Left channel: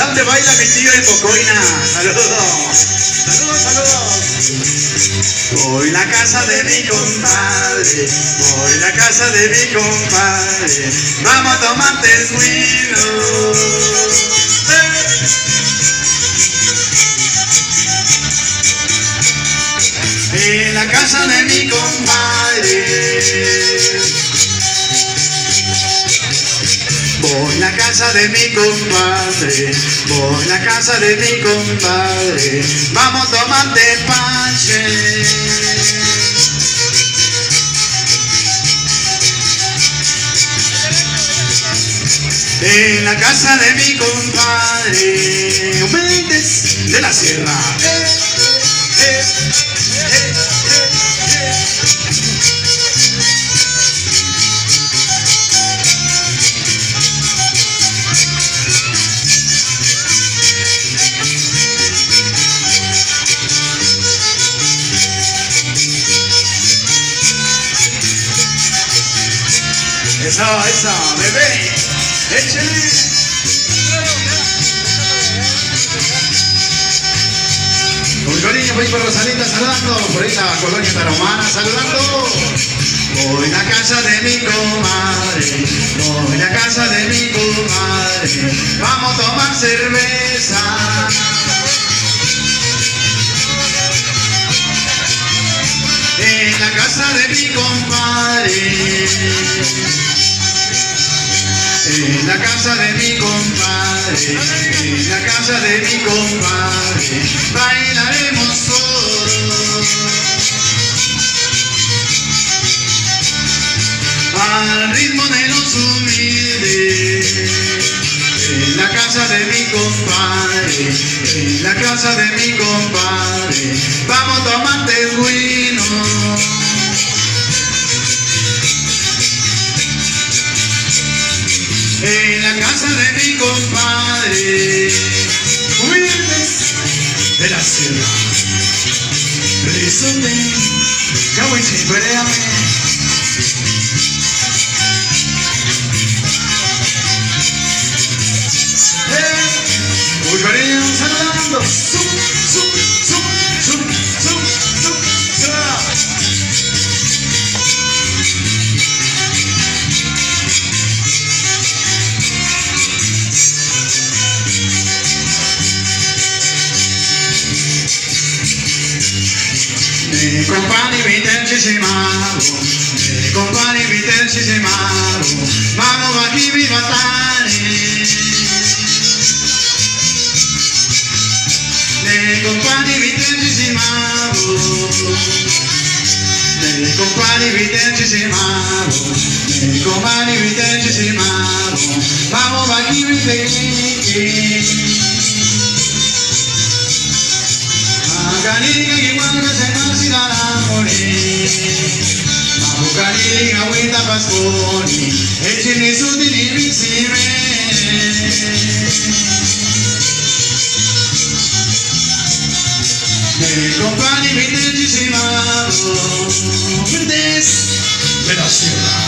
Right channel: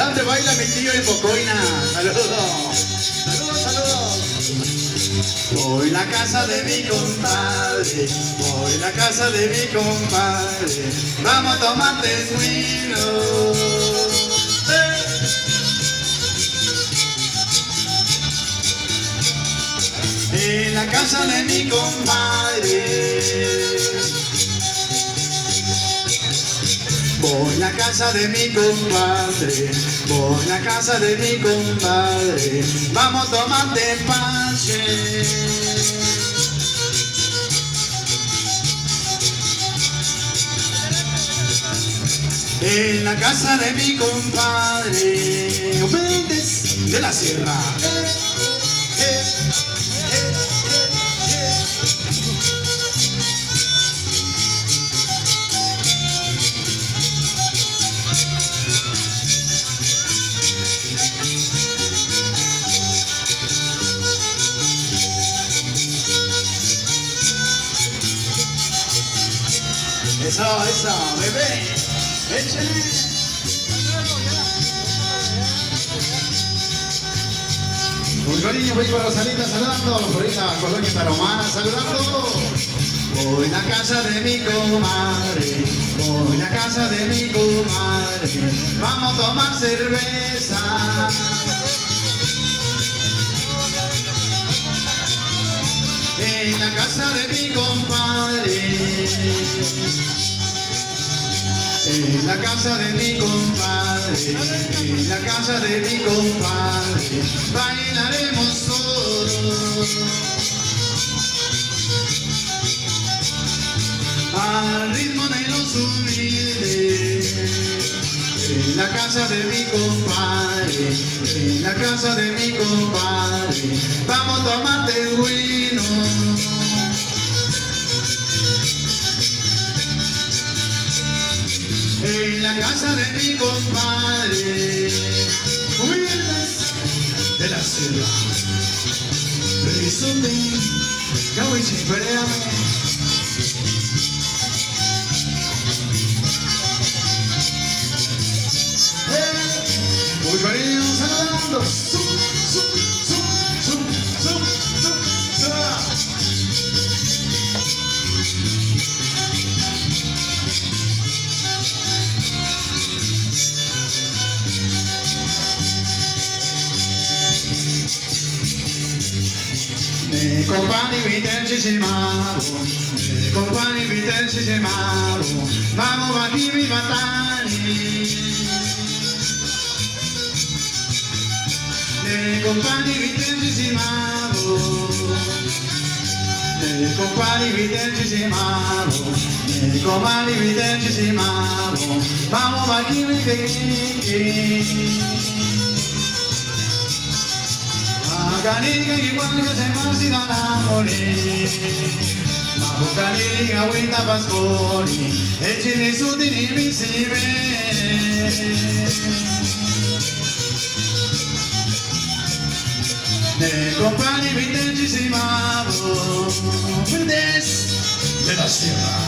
dónde baila mi tío el Cocoina? Saludos. Saludos, saludos. Voy a la casa de mi compadre, voy a la casa de mi compadre, vamos a tomar tejuino. En la casa de mi compadre, voy a la casa de mi compadre, voy a la casa de mi compadre, vamos a tomar tepache. En la casa de mi compadre, Méndez de la Sierra. Esa, bebé, échale. Con cariño por ahí para Rosalita saludando, por ahí la colonia Tarahumara saludando. Voy a la casa de mi comadre, voy a la casa de mi comadre, vamos a tomar cerveza. En la casa de mi compadre, en la casa de mi compadre, en la casa de mi compadre, bailaremos todos. Al ritmo de los humildes, en la casa de mi compadre, en la casa de mi compadre, vamos a tomar tejuino. En la casa de mi compadre, humildes de la ciudad. Rizome, cabuichicuereame. Muy cariño saludando. Mi compagni vitercisimaru, mi compagni vitercisimaru, vamos a chi mi batani. Mi compagni vitercisimaru, mi compagni vitercisimaru, mi compagni vitercisimaru, vamos a chi mi batani. Cariga igual que se marcidará morir, Mamu cariga muita pasconi, e ci ne su di divisire. Me compagni vitercisimaru, Méndez de la Sierra.